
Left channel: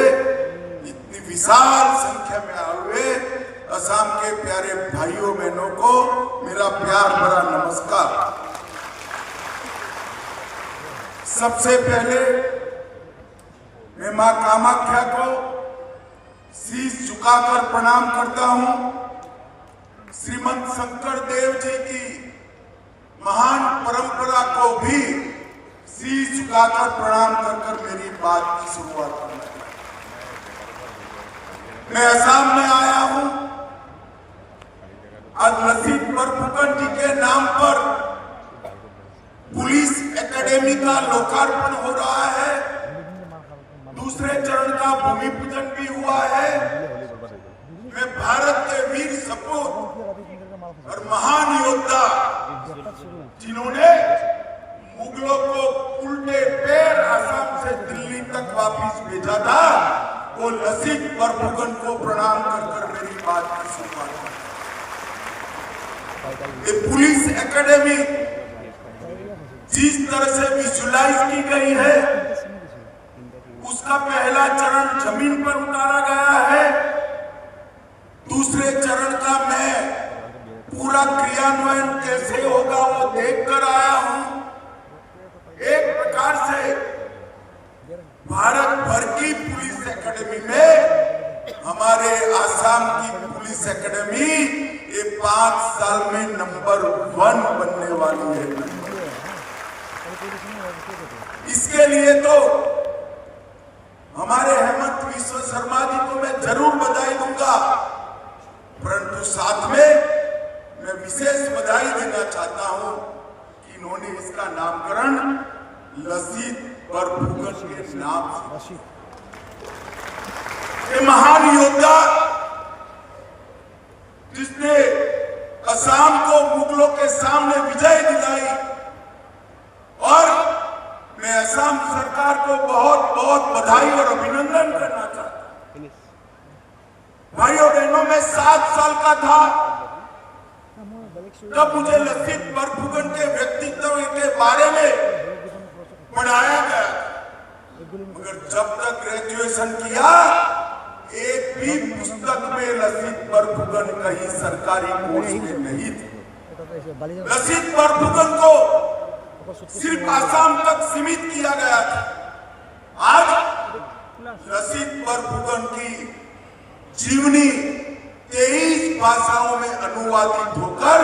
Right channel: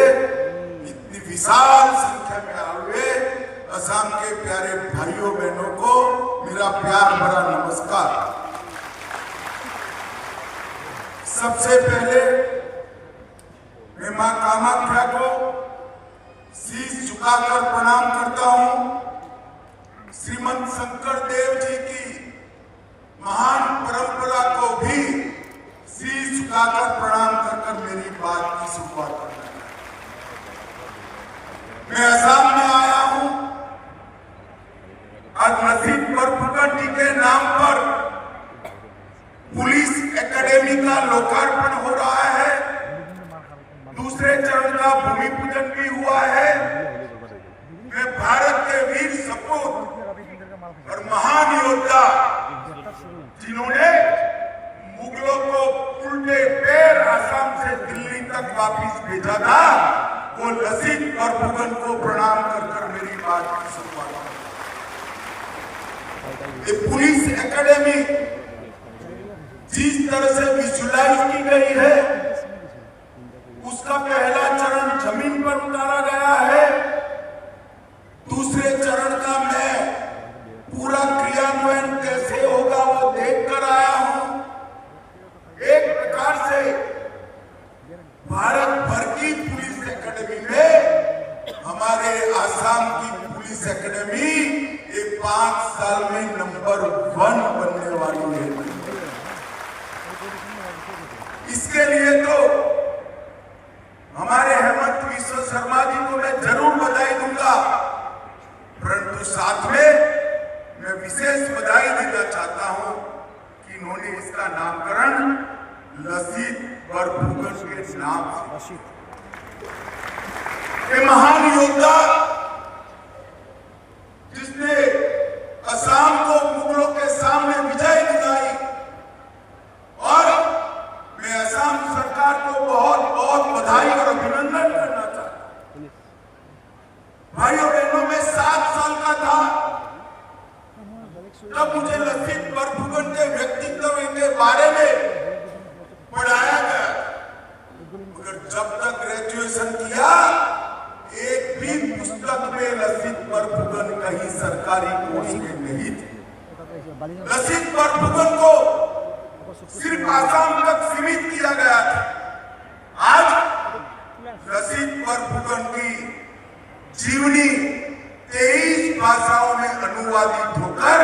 इतनी विशाल संख्या में आए हुए असम के प्यारे भाइयों बहनों को मेरा प्यार भरा नमस्कार। सबसे पहले मैं मां कामाख्या को शीश झुकाकर प्रणाम करता हूं। श्रीमंत शंकर देव जी की महान परंपरा को भी शीश झुकाकर प्रणाम कर मेरी बात की शुरुआत करता हूं। मैं असम में आया हूं, आज लसित बरफुकन जी के नाम पर पुलिस एकेडमी का लोकार्पण हो रहा है, दूसरे चरण का भूमि पूजन भी हुआ है। मैं भारत के वीर सपूत और महान योद्धा जिन्होंने मुगलों को उल्टे पैर असम से दिल्ली तक वापिस भेजा था, वो लसित बरफुकन को प्रणाम कर मेरी बात की शुरुआत। ये पुलिस एकेडमी जिस तरह से विजुलाइज की गई है, उसका पहला चरण जमीन पर उतारा गया है, दूसरे चरण का मैं पूरा क्रियान्वयन कैसे होगा वो देखकर आया हूं। एक प्रकार से भारत भर की पुलिस एकेडमी में हमारे आसाम की पुलिस एकेडमी ये 5 साल में नंबर 1 बनने वाली है। इसके लिए तो हमारे हेमंत विश्व शर्मा जी को मैं जरूर बधाई दूंगा, परंतु साथ में मैं विशेष बधाई देना चाहता हूं कि इन्होंने इसका नामकरण लसित बरफुकन के नाम से। ये महान योद्धा जिसने असम को मुगलों के सामने विजय दिलाई, और मैं असम सरकार को बहुत बहुत बधाई और अभिनंदन करना चाहता हूं। भाइयों बहनों, मैं 7 साल का था तब मुझे लसित बरफुकन के व्यक्तित्व के बारे में पढ़ाया गया, मगर जब तक ग्रेजुएशन किया एक भी पुस्तक में लसित बरफुकन कहीं सरकारी कोर्स में नहीं थे। लसित बरफुकन को सिर्फ आसाम तक सीमित किया गया था। आज लसित बरफुकन की जीवनी 23 भाषाओं में अनुवादित होकर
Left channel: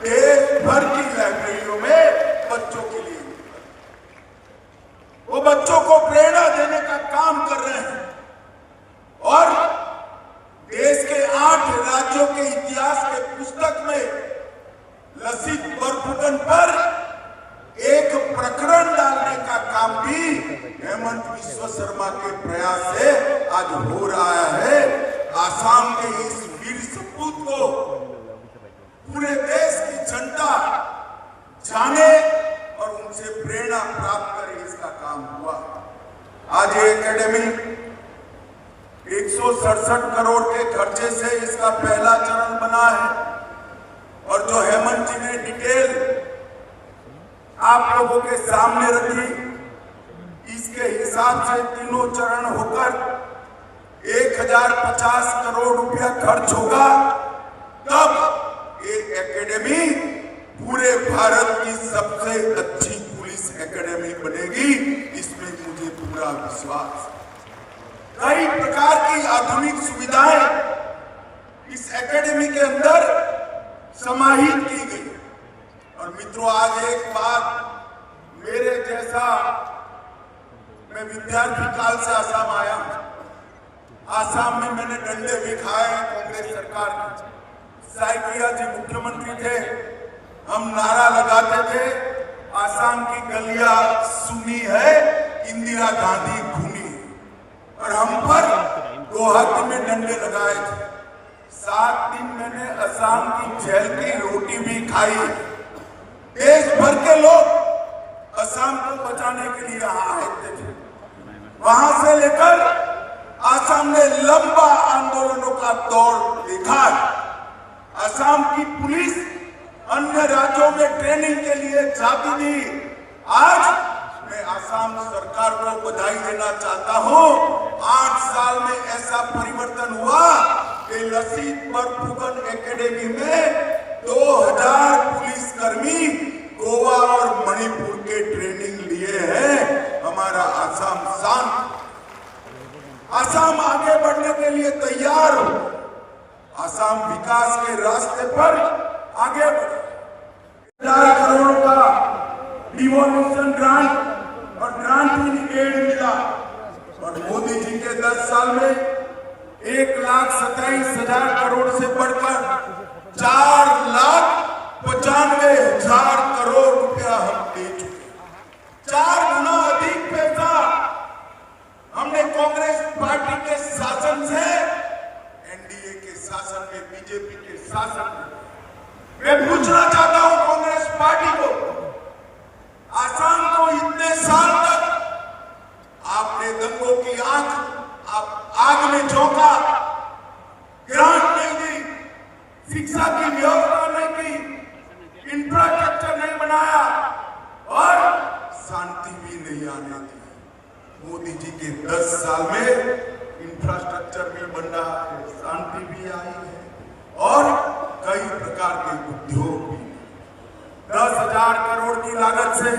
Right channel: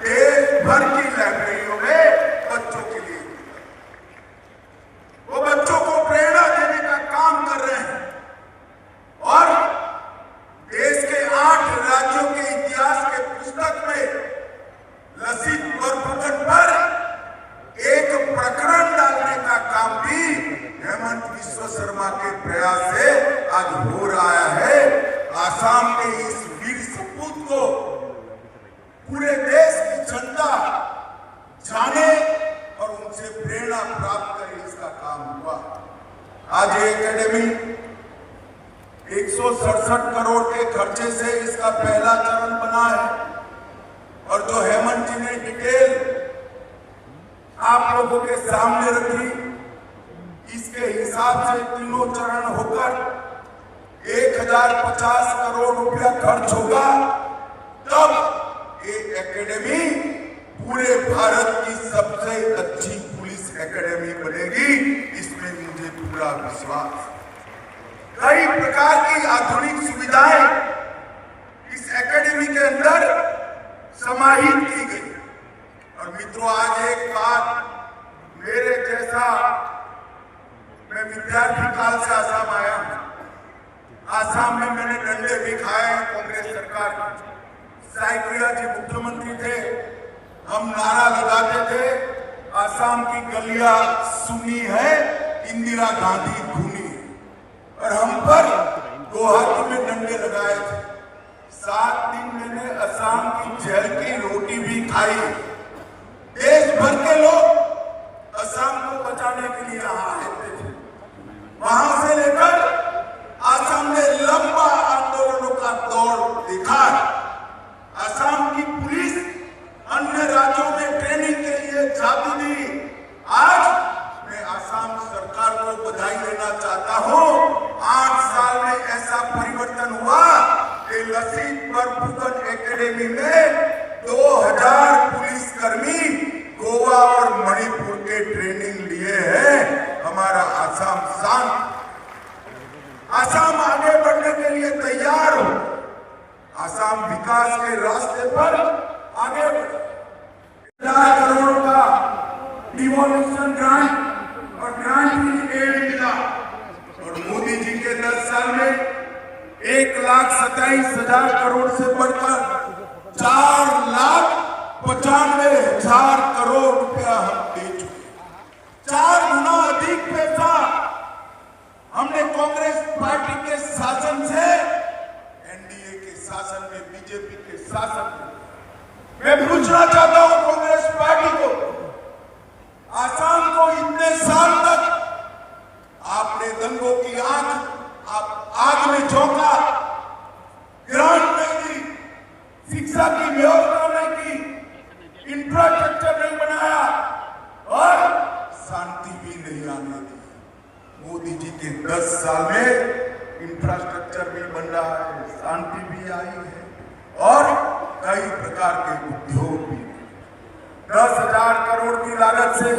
देश भर की लाइब्रेरियों में बच्चों के लिए, वो बच्चों को प्रेरणा देने का काम कर रहे हैं और देश के 8 राज्यों के इतिहास के पुस्तक में लसित बरफुकन पर एक प्रकरण डालने का काम भी हेमंत विश्व शर्मा के प्रयास से आज हो रहा है। आसाम के इस वीर सपूत को पूरे देश की जनता जाने और उनसे प्रेरणा प्राप्त करे, इसका काम हुआ। आज ये एकेडमी 167 करोड़ के खर्चे से इसका पहला चरण बना है और जो हेमंत जी ने डिटेल आप लोगों के सामने रखी, इसके हिसाब से तीनों तीनों चरण होकर 1050 करोड़ रुपया खर्च होगा, तब ये एकेडमी पूरे भारत की सबसे अच्छी पुलिस एकेडमी बनेगी। इसमें मुझे पूरा विश्वास। कई प्रकार की आधुनिक सुविधाएं इस एकेडमी के अंदर समाहित की गई। और मित्रों, आज एक बात मेरे जैसा, मैं विद्यार्थी काल से आसाम आया हूं। आसाम में मैंने डंडे भी खाए कांग्रेस सरकार के। साइकिया जी मुख्यमंत्री थे, हम नारा लगाते थे, आसाम की गलियां सुनी है, इंदिरा गांधी खूनी। और हम पर गुवाहाटी में डंडे लगाए थे। 7 दिन मैंने असम की जेल की रोटी भी खाई। देश भर के लोग असम को बचाने के लिए यहाँ आते थे। वहां से लेकर असम ने लंबा आंदोलनों का दौर देखा है। असम की पुलिस अन्य राज्यों में ट्रेनिंग के लिए जाती थी। आज मैं असम सरकार को बधाई देना चाहता हूं। 8 साल में ऐसा परिवर्तन हुआ कि लसीत बरफुकन एकेडमी में 2000 पुलिसकर्मी गोवा और मणिपुर के ट्रेनिंग लिए हैं। हमारा असम शांत, असम आगे बढ़ने के लिए तैयार हो। असम विकास के रास्ते पर आगे बढ़े। 1000 करोड़ का डिवोल्यूशन ग्रांट और ग्रांट एड मिला। और मोदी जी के 10 साल में 1,27,000 करोड़ से बढ़कर 4,95,000 करोड़ रुपया हम दे चुके। 4 गुना अधिक पैसा हमने कांग्रेस पार्टी के शासन से एनडीए के शासन में, बीजेपी के शासन में। मैं पूछना चाहता हूं कांग्रेस पार्टी को, असम को इतने साल तक आपने दंगों की आग में झोंका, ग्रांट नहीं दी, शिक्षा की व्यवस्था नहीं की, इंफ्रास्ट्रक्चर नहीं बनाया और शांति भी नहीं आने दी। मोदी जी के 10 साल में इंफ्रास्ट्रक्चर भी बन रहा है, शांति भी आई है और कई प्रकार के उद्योग भी। 10,000 करोड़ की लागत से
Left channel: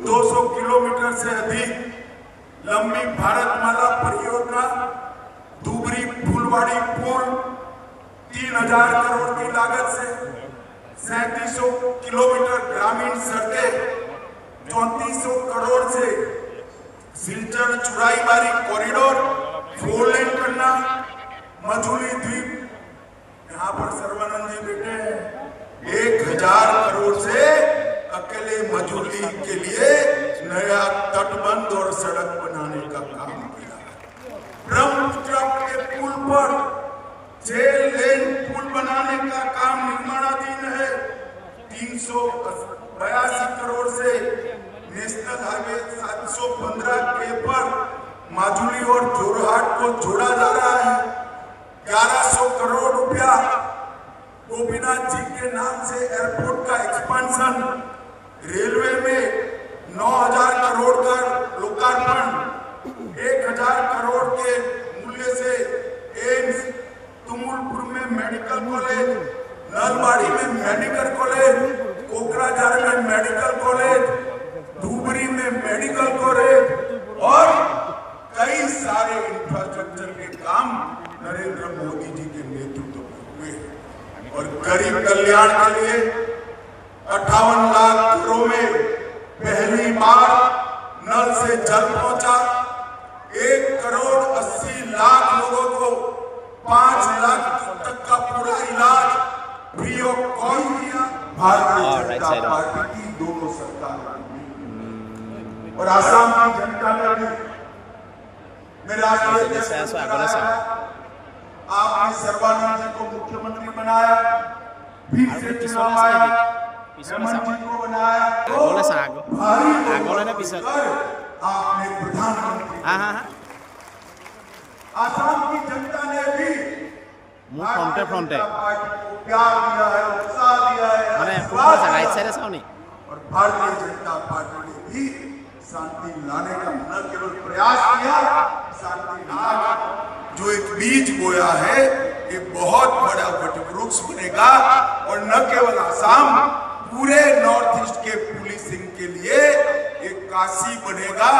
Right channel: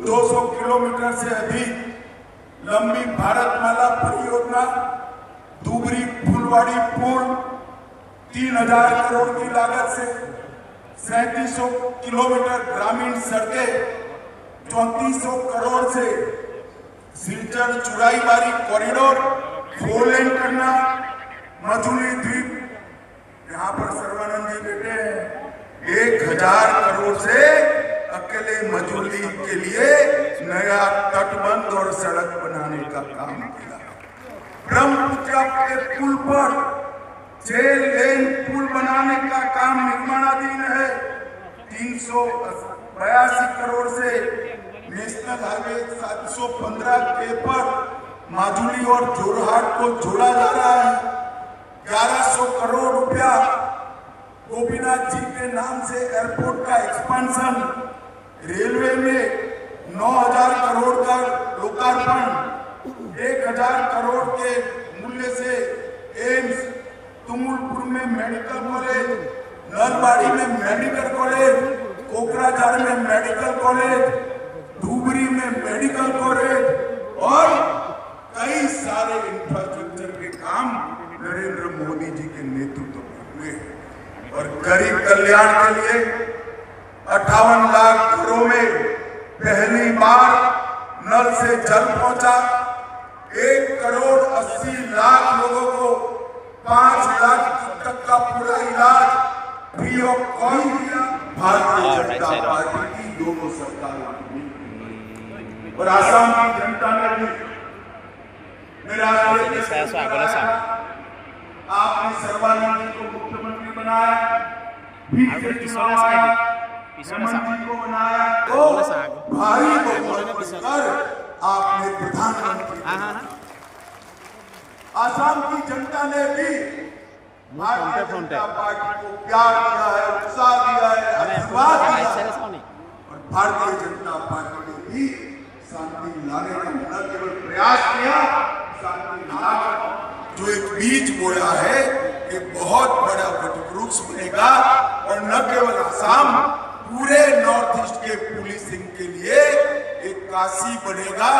200 किलोमीटर से अधिक लंबी भारतमाला परियोजना, धुबरी फुलवाड़ी पुल 3,000 करोड़ की लागत से, 3700 किलोमीटर ग्रामीण सड़कें 3400 करोड़ से, सिलचर चुराईबारी कॉरिडोर 4 लेन करना, मझुली द्वीप, यहाँ पर सर्वानंद जी बैठे हैं, 1,000 करोड़ से अकेले मझुली के लिए नया तटबंध और सड़क बनाने का काम किया। ब्रह्मपुत्र के पुल पर 6 लेन पुल बनाने का काम निर्माणाधीन है। 382 करोड़ से नेशनल हाईवे 715 के पर माजुली और जोरहाट को जोड़ा जा रहा है। 1100 करोड़ रुपया गोपीनाथ जी के नाम से एयरपोर्ट का एक्सपेंशन, रेलवे में 9,000 करोड़ का लोकार्पण, 1,000 करोड़ के मूल्य से एम्स, तुमुलपुर में मेडिकल कॉलेज, नलबाड़ी में मेडिकल कॉलेज, कोकराझार में मेडिकल कॉलेज, धुबरी में मेडिकल कॉलेज और कई सारे इंफ्रास्ट्रक्चर के काम नरेंद्र मोदी जी के नेतृत्व में हुए। और गरीब कल्याण के लिए 58 लाख घरों में पहली बार नल से जल पहुंचा। 1,80,00,000 लोगों को 5 लाख तक का पूरा इलाज फ्री ऑफ कॉस्ट दिया। भारतीय जनता पार्टी की दोनों सरकारों और आसाम की जनता ने भी मेरा आपने सर्बानंद जी को मुख्यमंत्री बनाया, फिर से चुनाव आया, हेमंत जी को बनाया, तो भारी बहुमत कर आपने प्रधानमंत्री। आसाम की जनता ने भी भारतीय जनता पार्टी को प्यार दिया है, उत्साह दिया है, और भारतीय जनता पार्टी ने भी शांति लाने का न केवल प्रयास किया, शांति लाकर जो एक बीज बोया है, एक बहुत बड़ा वटवृक्ष बनेगा और न केवल असम, पूरे नॉर्थ ईस्ट के पुलिसिंग के लिए एक काशी बनेगा,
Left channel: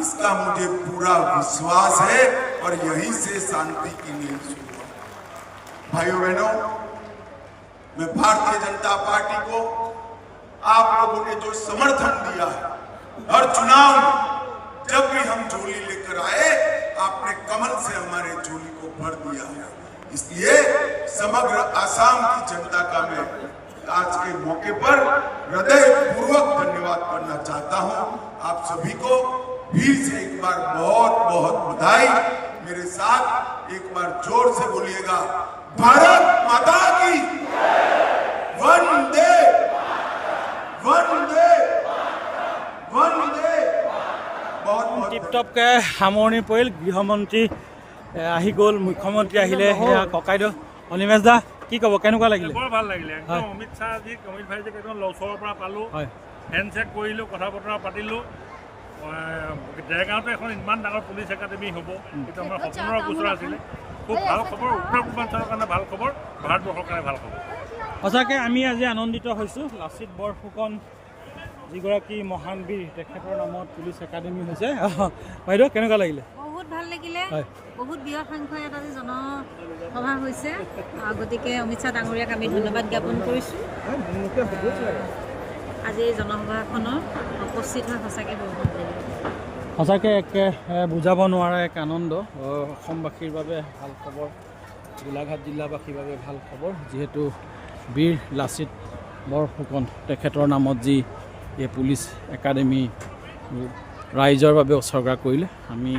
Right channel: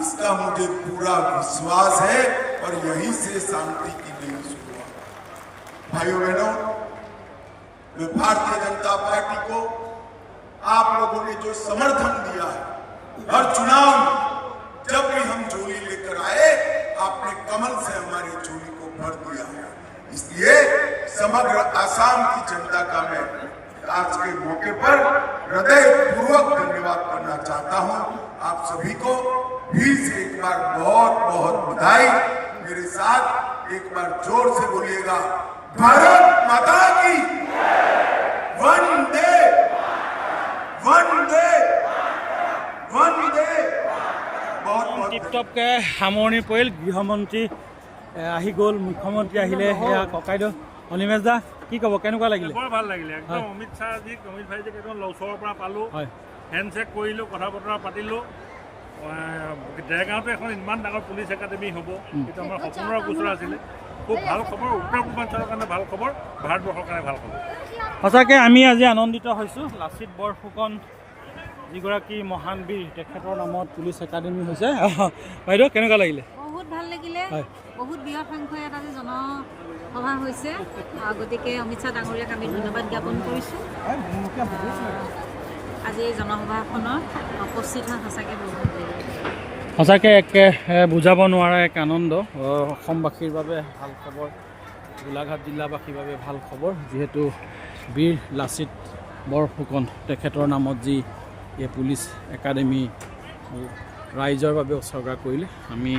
इसका मुझे पूरा विश्वास है और यहीं से शांति की नींव शुरू। भाइयों बहनों, मैं भारतीय जनता पार्टी को आप लोगों ने जो समर्थन दिया है, हर चुनाव में जब भी हम झोली लेकर आए, आपने कमल से हमारे झोली को भर दिया है। इसलिए समग्र आसाम की जनता का मैं आज के मौके पर हृदयपूर्वक धन्यवाद करना चाहता हूं। आप सभी को फिर से एक बार बहुत बहुत बधाई। मेरे साथ एक बार जोर से बोलिएगा, भारत माता की वंदे वंदे वंदे। টিপটপকৈ সামৰণি পৰিল। গৃহমন্ত্ৰী আহি গ'ল, মুখ্যমন্ত্ৰী আহিলে। সেয়া ককাইদেউ অনিমেশ দা কি ক'ব, কেনেকুৱা লাগিলে? বৰ ভাল লাগিলে একদম। অমিত ভাইজিক একদম ওচৰৰ পৰা পালোঁ, হয়, হেণ্ডশ্বেক কৰিলোঁ, কথা বতৰা পাতিলোঁ। দেৰগাঁৱতো এখন ইমান ডাঙৰ পুলিচ একাডেমি হ'ব, এইটো আমাৰ সপোনৰ গোচৰ আছিলে। খুব ভাল খবৰ, উত্তৰ পূৰ্বাঞ্চলৰ কাৰণে ভাল খবৰ, ভাৰতবৰ্ষৰ কাৰণে ভাল খবৰ। সঁচাকৈ আমি আজি আনন্দিত হৈছোঁ। লাচিত বৰফুকন যিগৰাকী মহান বীৰ, তেখেতৰ নামত পুলিচ একাডেমি হৈছে। বাইদেউ কেনেকুৱা লাগিলে? বহুত ভাল লাগিলে। হয়, বহুত বৃহৎ সংখ্যক এটা জনসভা হৈছে, গতিকে অমিত শ্বাহ ডাঙৰীয়াক আমি ধন্যবাদ জ্ঞাপন কৰিছোঁ। আজি এই জনসভাখনত উপস্থিত হৈ সঁচাকৈ বহুত ভাল লাগিলে। সঁচাকৈ একে বুজাব নোৱাৰা এক আনন্দ। অসমবাসীৰ বাবে ভাল খবৰ, গোলাঘাট জিলাবাসীৰ বাবে ভাল খবৰ, যিহেতু বীৰ লাচিত বৰফুকন তেখেতৰ নামত যি এই পুলিচ একাডেমি ৰাইজৰ বাবে উৎসৰ্গা কৰিলে, আমি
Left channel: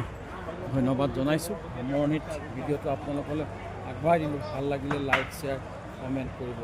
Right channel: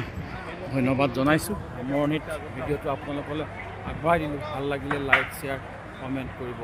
ধন্যবাদ জনাইছোঁ। সামৰণিত ভিডিঅ'টো আপোনালোকলৈ আগবঢ়াই দিলোঁ। ভাল লাগিলে লাইক, শ্বেয়াৰ, কমেণ্ট কৰিব।